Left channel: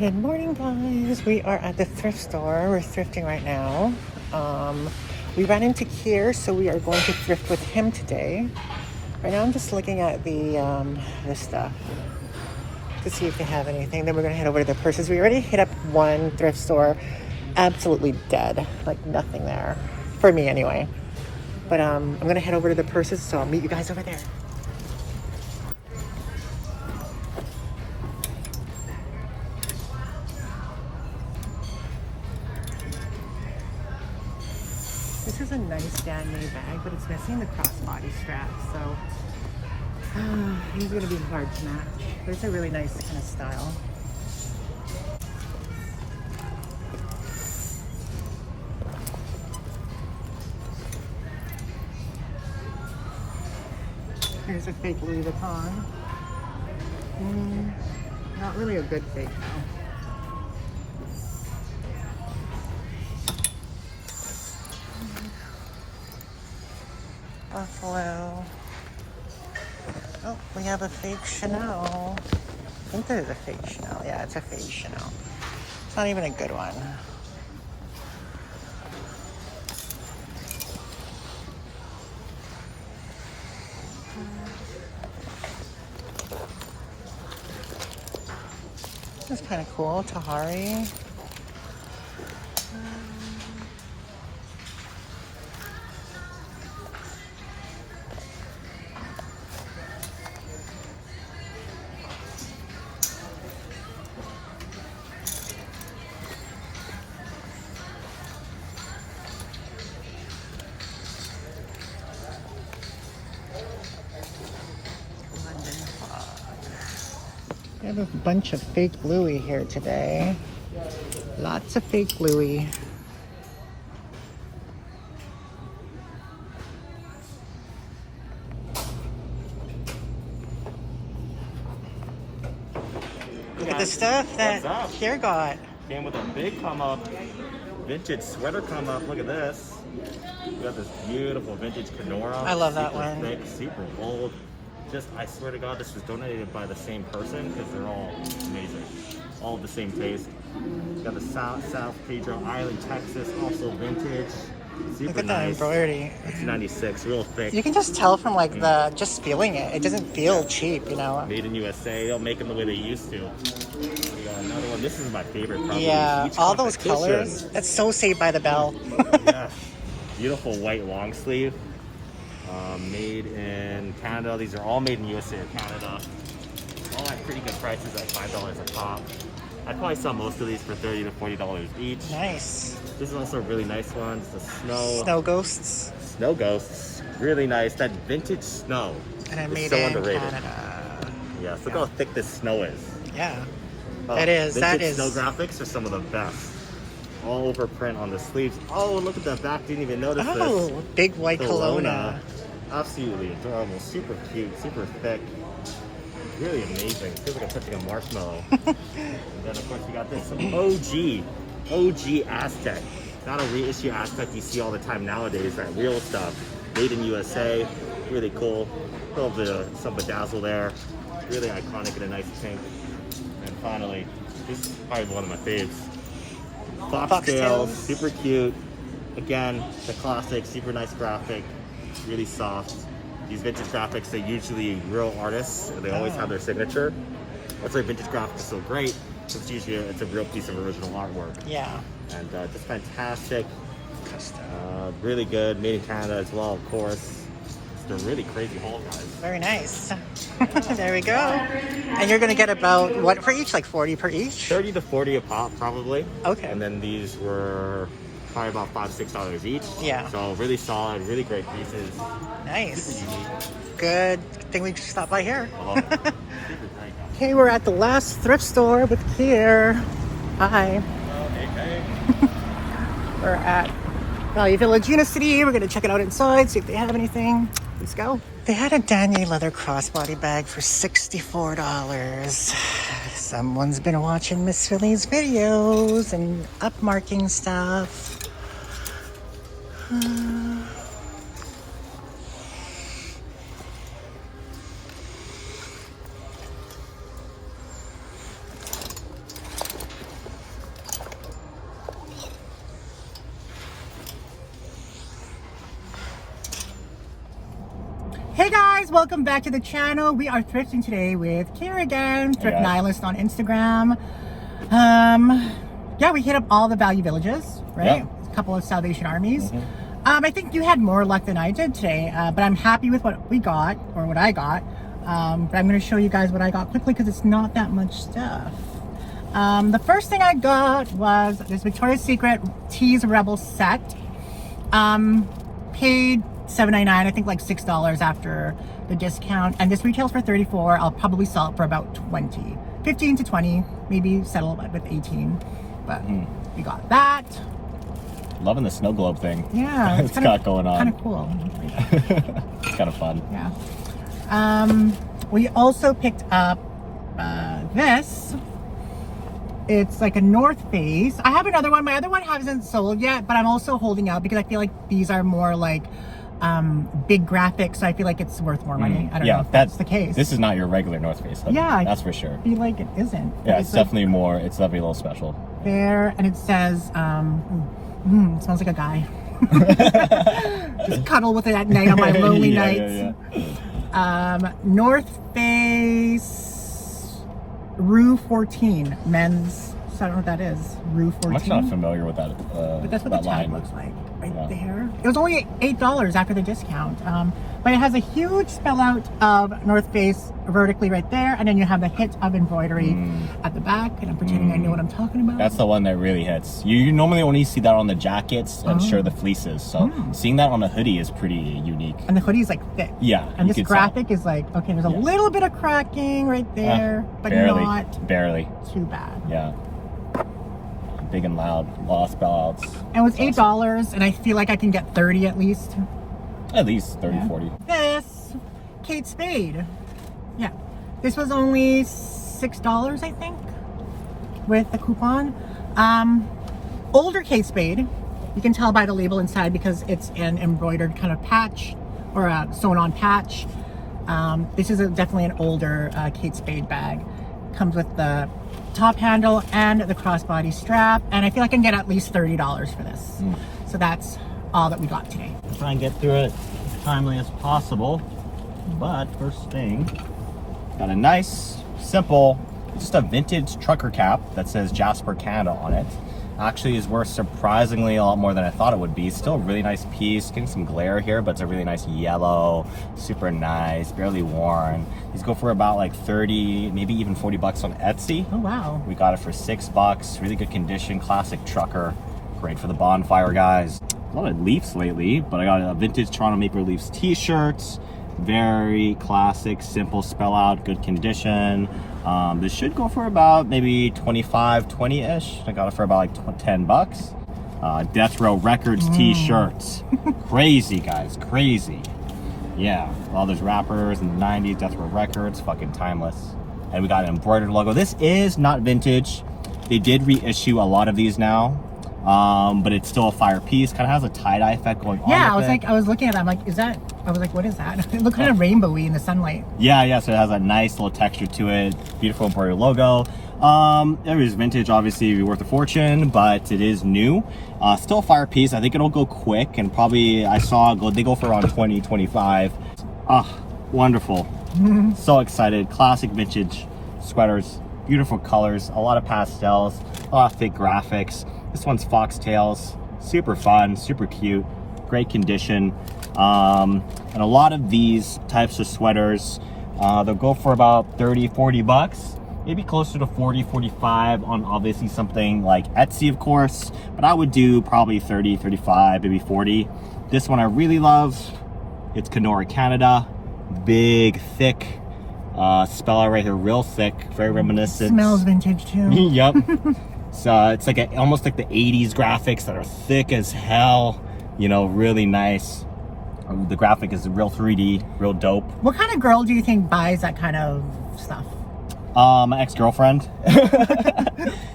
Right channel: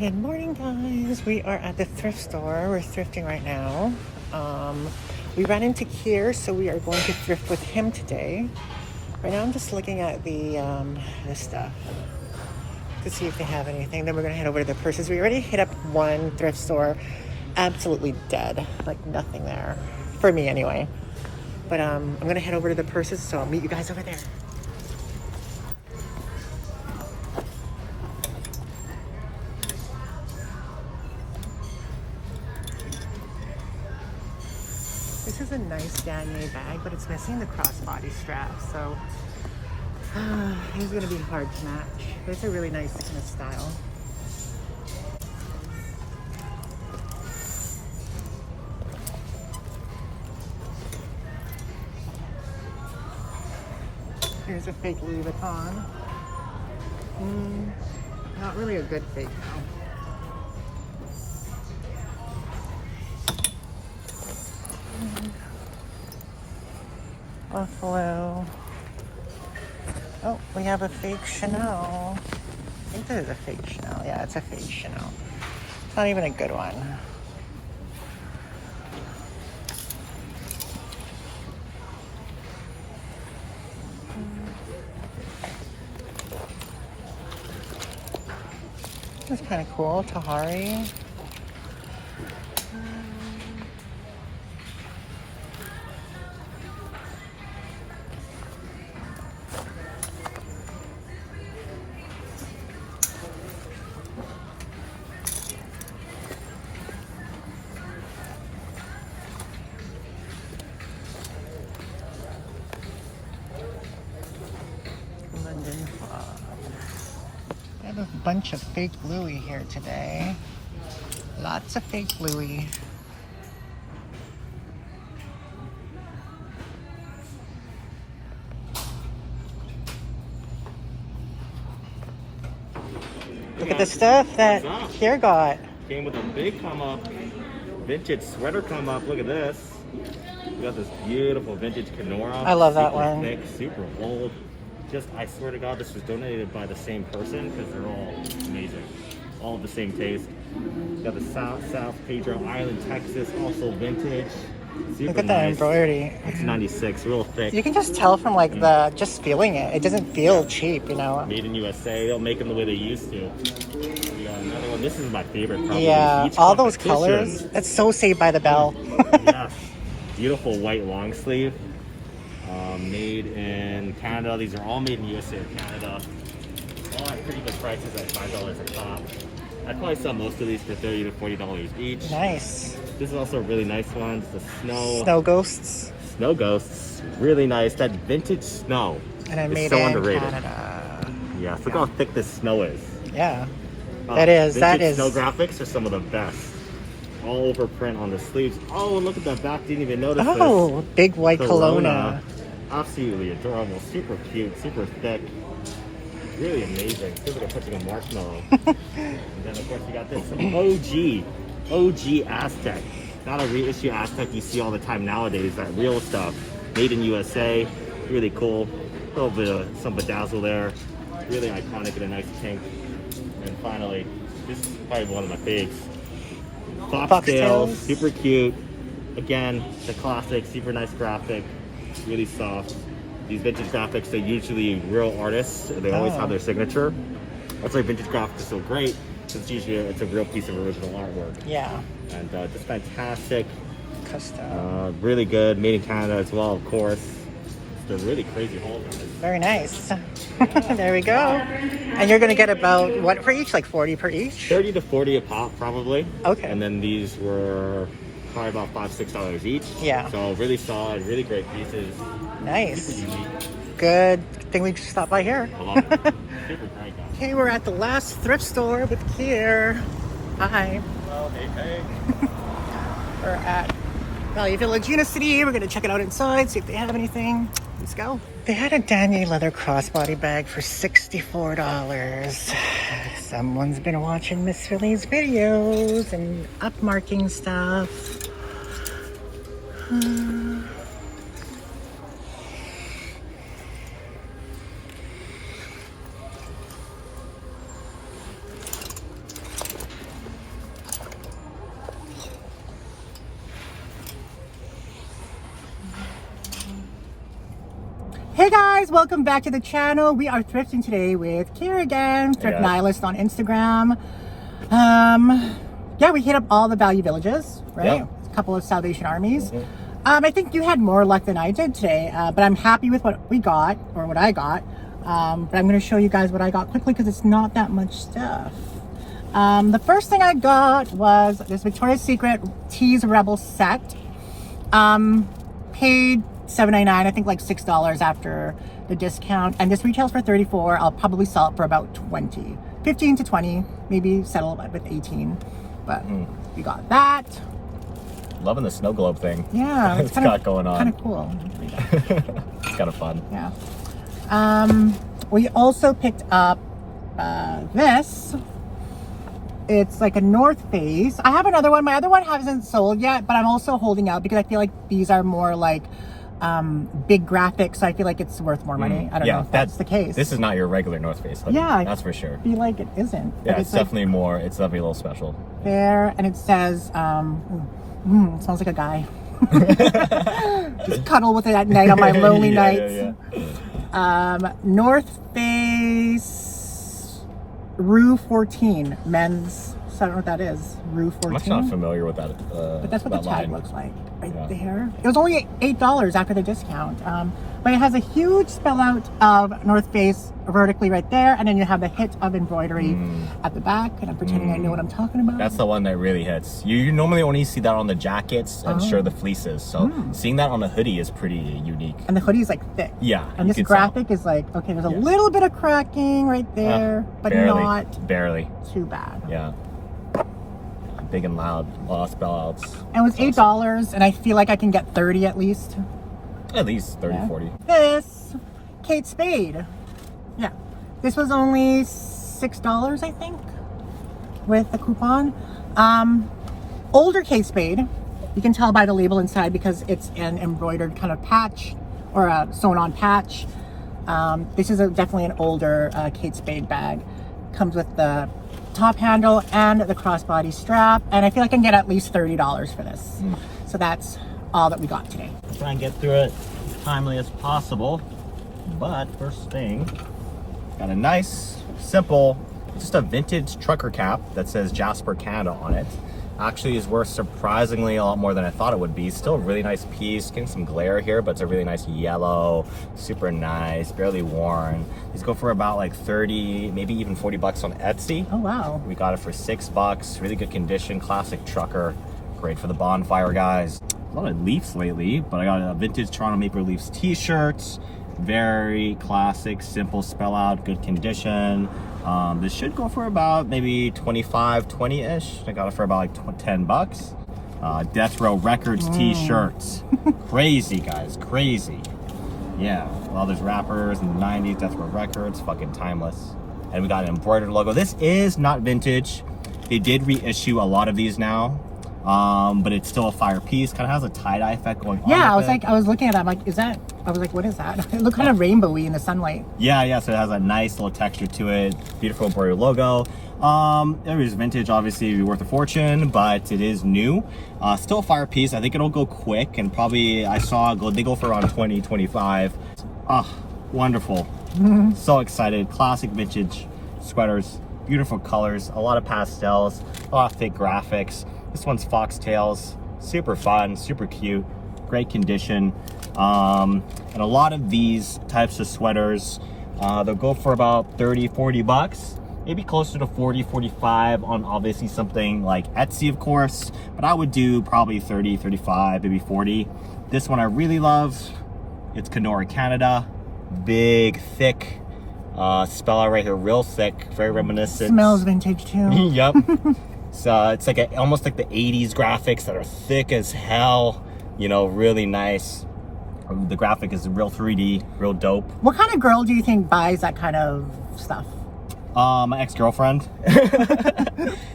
Good morning, guys. We are at the thrift store. We're thrifting right now. We ran into Kier, so we are going to thrift with him today. Right now, I'm just looking at the stuff to see if they have anything. Then we're gonna head over to the purses. We already hit up one thrift store, absolutely dead, like nothing there for me anyway. But I'm gonna head over to the purses, so I'll meet you guys over there. This is a nice Danier bag, but it's missing the crossbody strap, so this is gonna be hard to match. But it's a really nice kind of style. Here's a fake Louis Vuitton. Not really a good fake though. Buffalo. Oh, we have a fake Chanel. I think this is a fake Chanel. Yeah, it's a fake Chanel. It's not even a good one. This is kind of cool. Tahari. We have a bunch of fake Louis here today. Lots of fake Louis. Look at the stuff that Kier got. Came with a big come up, vintage sweater come up. Look at this. We got this beautiful vintage Kenora. I love that one. Thick, super old. I swear to God, this was donated by the same person because they're all amazing. All of the same taste. Got the South Pedro Island, Texas, also vintage. Super Look at that embroidery. It's 96, real thick. You can just tell from like just feeling it. It doesn't feel cheap, you know. Made in USA. They'll make them the way they used to. We got another one. This is my favorite. Probably. Yeah, all those colors. That's so Saved by the Bell. Yes. Beautiful white long sleeve. Made in Canada. These are all made in USA or Canada. All at pretty good prices at $5 a pop. I'd probably sell most of these for $30 to $40 each. Nice. This is also a really nice one. It's the Snow Ghosts. Snow Ghosts. Really nice. That vintage snow. And I made so it in underrated. Canada. Yeah, look how thick this snow is. Yeah. That is. Snow graphics are some of the best. All over print on the sleeves. Oh, look at that back. Didn't even notice this. Oh, big white Kelowna. Absolutely adorable. Super cute. Super thick. Really amazing. Feels like I'm touching a marshmallow. And then, of course, we got this OG Aztec. Not a reissue Aztec you see all the time nowadays. That real stuff. Made in USA. Really cool. A little bit of some bedazzle there. Really iconic in a nice pink. And finally, this is probably one of my faves. Foxtails, super cute. Again, the classic, super nice graphic, really soft. These vintage graphics, they're usually real artists. They always have their signature. That's why vintage graphics are so great, because usually it's a real piece of original artwork. Yeah. And just fantastic. Custom. Really good, made in Canada as well, of course. It's a really crazy haul, guys. Very nice. There we go. And you're going to get about, what for each? Like 40 per each? 30 to 40 a pop, probably. Okay. And then these were probably about $5-6 each. Yeah. So really solid, really great pieces. Nice. Super unique. Good thing we stopped by here. I love it. Super great, guys. Okay, we're at the last thrift store with Kier. Hi. Well, hey. We're at Valley Village, Unicity. We're going to check it out inside, see if they have anything. Let's go. They had a Danier leather crossbody bag for $64. Someone's been watching Miss Philly's videos and upmarking stuff. Hey guys, welcome back to the channel. We are thrifting today with Kira again, Thrift Nihilist on Instagram. Yeah, we hit up all the value villages, right? Yeah. A couple of Salvation Armies. I think you had more luck than I did today, but I'm happy with what we got, or what I got. But I'm going to show you guys what I got quickly because it's not that much stuff. The first thing I got was this Victoria's Secret Tease Rebel set. Paid $7.99, I think like $6 after the discount, and this retails for $34. I'll probably sell it for about 20, 15 to 20, maybe settle with 18. But you got that. Loving the snow globe thing. Yeah, it's got going on. Kind of cool. It's kind of fun. Yeah. We also picked up this. It's like a North Face. I have another one. My other one hasn't sold yet, but I'm also holding out because I feel like these are more like big graphics, so I feel like it's worth more money. I don't know if that's the case. This is not your regular North Face hoodie. Yeah, that's for sure. I feel like it isn't. Yeah, it's definitely like, more. It's definitely a little special. There, and it says, it smells like a guy. Just cuddle with it at night on my lonely nights. North Face Rue 14 men's. So I don't know what that is. Rue 14. I'm actually not familiar with that. But that's what that the tag line looks like right there. It was only $8 after the discount. But it has a huge spell out of North Face vertically right there, and then you have a hit of embroidery at the back, and I'm pretending I know what I'm talking about. That's the one that really hits. You normally only see that on the jackets and sure the fleaces, so seeing that on a hoodie is pretty unique. And the hoodie is like thick. Yeah, and this graphic is like, okay, there's a little bit of cracking right there, but not barely too bad. Yeah. Big and loud, a lot of spell outs. And it was $8, and I feel like I can get 30 at least. At least 30, 40. This Kate Spade. Yeah. This was only $6, I think, with the coupon. Older Kate Spade. You can tell by the label inside because it's an embroidered kind of patch or a sewn on patch. This is definitely an older Kate Spade bag. Comes with the top handle and the crossbody strap, and I feel like I can get at least $30 for this. So that's all that we got today. Try and get through it as timely as possible, but first thing, got a nice, simple, just a vintage trucker cap that says Jasper Canada on it. Actually is worth surprisingly a lot more than I thought it would be. Still a really nice piece, getting some glare here, but it's a really nice yellow, super nice, barely worn. These go for about like 30, maybe even 40 bucks on Etsy. Oh wow. We got it for $6, really good condition, classic trucker. Great for the bonfire, guys. A lot of Leafs lately, but I got a vintage Toronto Maple Leafs t-shirts. Very classic, simple spell out, good condition. This should go for about maybe 25, 20-ish. I got it for about like 10 bucks. Death Row Records t-shirts. Crazy, guys, crazy. Yeah, all those rappers in the 90s, Death Row Records, fucking timeless. And we got an embroidered logo. This is not vintage. They did reissue a lot of these now. But it's still a fire piece. Kind of has a tie-dye effect going on. Yeah, I was looking at that. I'm like, I was like, what is that? It looked kind of rainbowy in the sunlight. Yeah, so it has a nice little texture to it. Beautiful embroidered logo. It is vintage, obviously, it'd be worth a fortune, but it is new. Still a fire piece. I think it'll go quick, and probably they go for around 20, 25. Wonderful. So excited. Classic vintage sweaters. Beautiful colors. A lot of pastels. A lot of thick graphics. This one's foxtails, super fun, super cute, great condition. And a lot of these types of sweaters, they'll go for about 30, 40 bucks, maybe closer to 40, 45 on obviously something like Etsy, of course, but I would do probably 30, 35, maybe 40. This one I really love. It's Kenora Canada, big, thick, spell out right here, real thick, very reminiscent. Smells vintage too. Yep. So it's like almost like the 80s graphics that are thick as hell, you know, really nice. The graphic is real 3D, real dope. What kind of girl do you think buys that kind of stuff? My ex-girlfriend.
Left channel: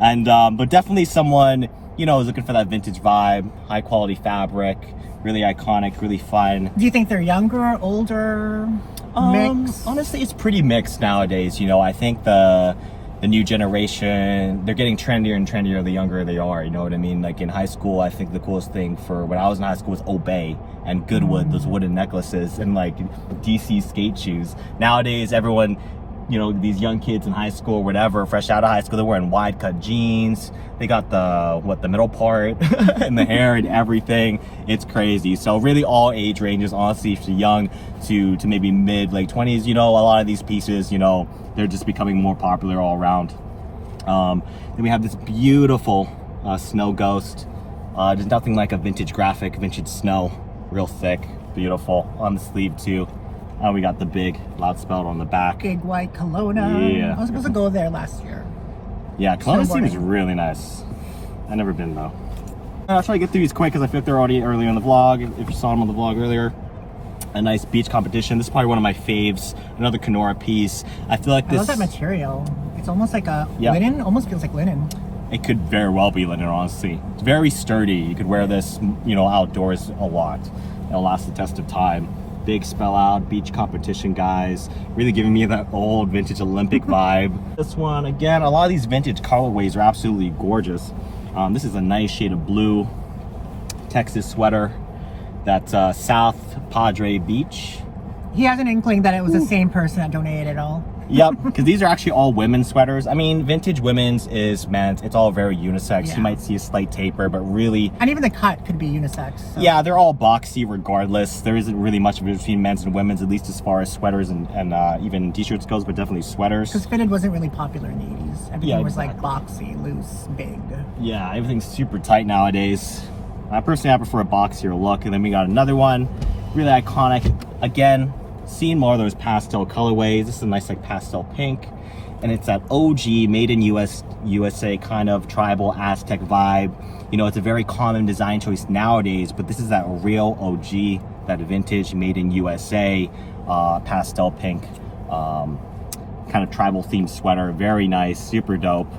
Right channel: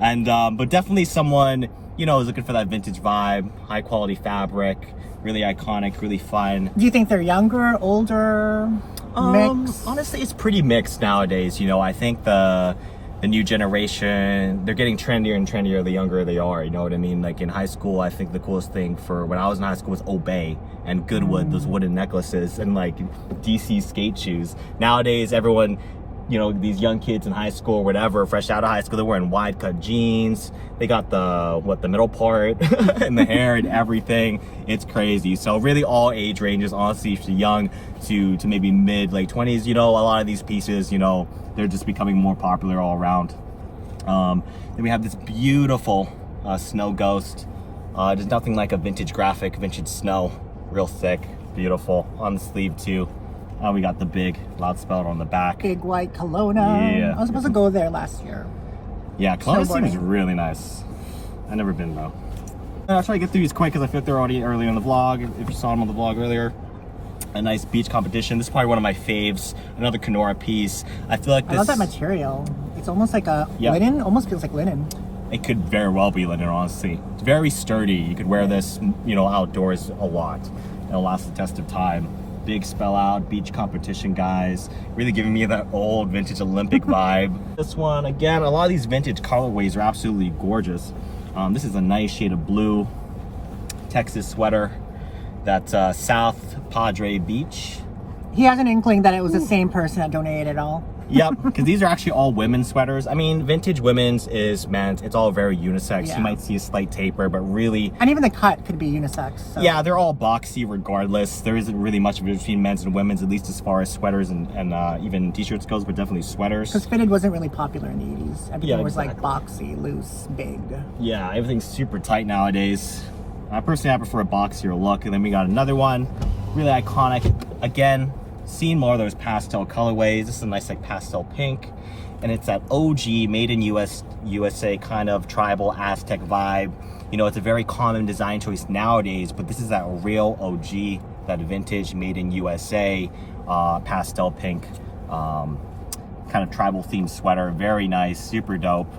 And but definitely someone, you know, is looking for that vintage vibe, high quality fabric, really iconic, really fun. Do you think they're younger, older, mixed? Honestly, it's pretty mixed nowadays. You know, I think the the new generation, they're getting trendier and trendier the younger they are, you know what I mean? Like in high school, I think the coolest thing for when I was in high school was Obey and Goodwood, those wooden necklaces, and like DC skate shoes. Nowadays, everyone, you know, these young kids in high school, whatever, fresh out of high school, they're wearing wide cut jeans. They got the middle part and the hair and everything. It's crazy. So really all age ranges, honestly, from young to maybe mid, late 20s, you know, a lot of these pieces, you know, they're just becoming more popular all around. Then we have this beautiful snow ghost. There's nothing like a vintage graphic, vintage snow, real thick, beautiful. On the sleeve too. We got the big loud spell on the back. Big white Kelowna. Yeah. I was supposed to go there last year. Yeah, Kelowna Snowboarding. seems really nice. I've never been though. I'll try to get through these quick because I feel like they're already earlier in the vlog. If you saw them on the vlog earlier. A nice beach competition. This is probably one of my faves. Another Kenora piece. I feel like this... I love that material. It's almost like a Yeah. linen. Almost feels like linen. It could very well be linen, honestly. It's very sturdy. You could wear this, you know, outdoors a lot. It'll last the test of time. Big spell out, beach competition guys. Really giving me that old vintage Olympic vibe. This one, again, a lot of these vintage colorways are absolutely gorgeous. This is a nice shade of blue Texas sweater. That's South Padre Beach. He has an inkling that it was the same person that donated it all. Yep, because these are actually all women's sweaters. I mean, vintage women's is men's. It's all very unisex. Yeah. You might see a slight taper, but really, And even the cut could be unisex. So. yeah, they're all boxy regardless. There isn't really much between men's and women's, at least as far as sweaters and even t-shirts goes, but definitely sweaters. Because fitted wasn't really popular in the 80s. Everything Yeah, was exactly. like boxy, loose, big. Yeah, everything's super tight nowadays. I prefer a boxier look. And then we got another one, really iconic. Again, seeing more of those pastel colorways. This is a nice like pastel pink. And it's that OG made in USA kind of tribal Aztec vibe. You know, it's a very common design choice nowadays, but this is that real OG, that vintage made in USA pastel pink kind of tribal themed sweater. Very nice, super dope.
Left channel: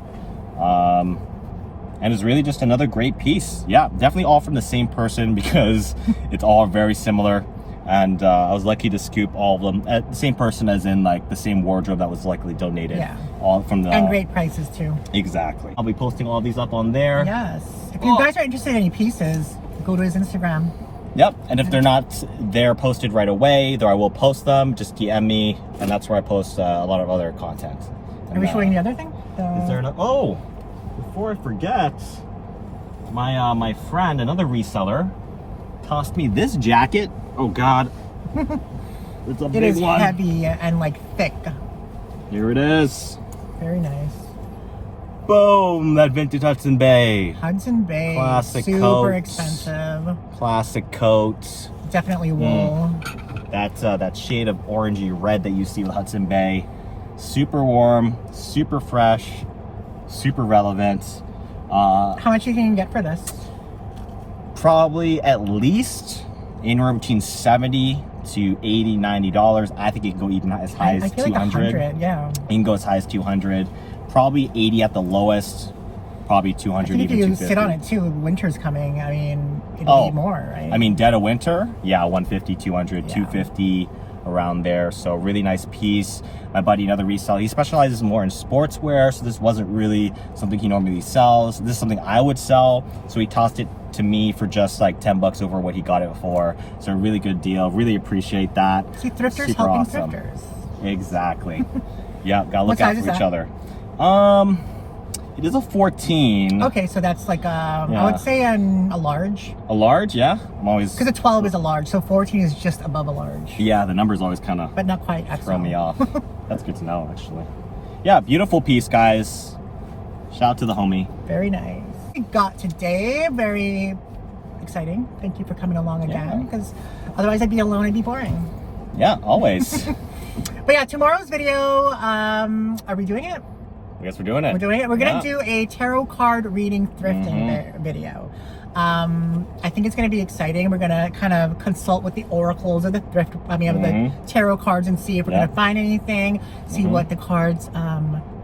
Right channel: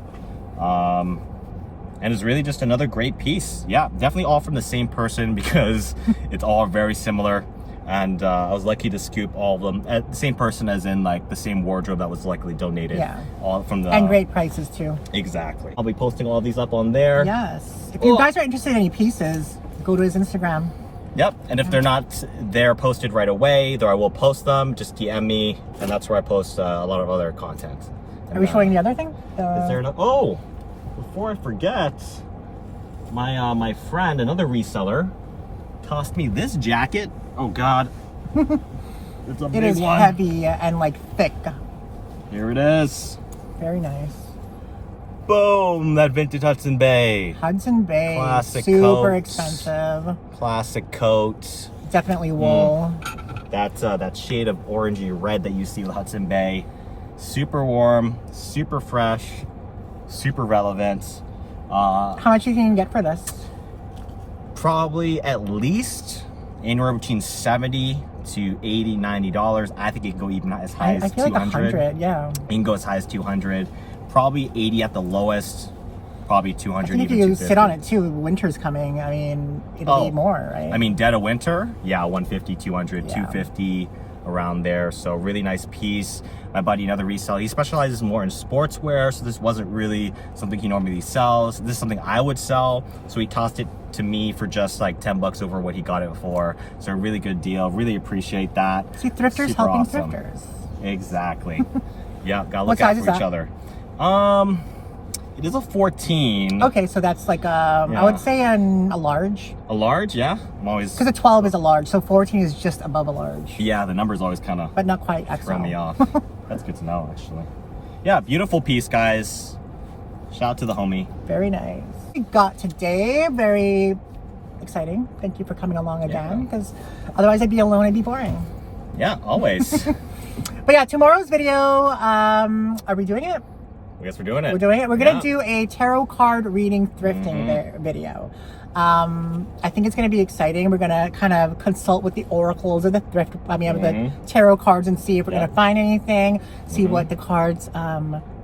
And it's really just another great piece. Yeah, definitely all from the same person because it's all very similar. And I was lucky to scoop all of them at the same person, as in like the same wardrobe that was likely donated. Yeah. All from the And great prices too. Exactly. I'll be posting all these up on there. Yes. If you guys are interested in any pieces, go to his Instagram. Yep. And if they're not there posted right away, though I will post them, just DM me, and that's where I post a lot of other content. Are we showing the other thing? Is there another? Oh, before I forget, my friend, another reseller, tossed me this jacket. Oh God, it's a It big is one. heavy and like thick. Here it is. Very nice. Boom! That vintage Hudson Bay. Hudson Bay. Classic Super coat. expensive. Classic coat. Definitely wool. That's that shade of orangey red that you see with Hudson Bay. Super warm, super fresh, super relevant. How much you can get for this? Probably at least anywhere between $70 to $80, $90. I think it can go even as high I as feel like 100, yeah. It can go as high as 200. Probably 80 at the lowest. Probably 200. I think if even you 250. sit on it too, winter's coming. I mean, it'll be more, right? I mean, dead of winter, yeah, 150, 200, Yeah. 250, around there. So really nice piece. My buddy, another reseller, he specializes more in sportswear, so this wasn't really something he normally sells. This is something I would sell, so he tossed it to me for just like 10 bucks over what he got it for. So a really good deal. Really appreciate that. See, thrifters Super helping awesome. thrifters. Exactly. Yeah, gotta What look out size for is each that? other. It is a 14. Okay, so that's like I Yeah. would say a large. A large, yeah. I'm always, Because a 12 is a large, so 14 is just above a large. yeah, the numbers always kind of But not quite XL. throw me off. That's good to know, actually. Yeah, beautiful piece, guys. Shout out to the homie. Very nice. We got today, very exciting. Thank you for coming along again, because otherwise I'd be alone, it'd be boring. Yeah, always. But yeah, tomorrow's video, are we doing it? I guess we're doing it. We're doing it. We're Yeah. gonna do a tarot card reading thrifting video. I think it's gonna be exciting. We're gonna kind of consult with the oracles of the thrift, of the tarot cards, and see if we're gonna find anything. See what the cards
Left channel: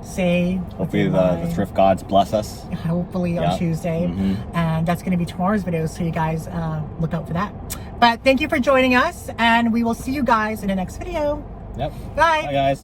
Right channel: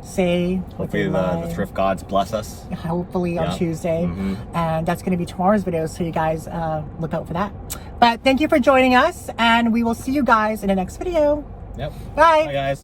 say. What they Hopefully the lie. thrift gods bless us. Hopefully on Yeah. Tuesday, and that's gonna be tomorrow's video. So you guys look out for that. But thank you for joining us, and we will see you guys in the next video. Yep. Bye. Bye, guys.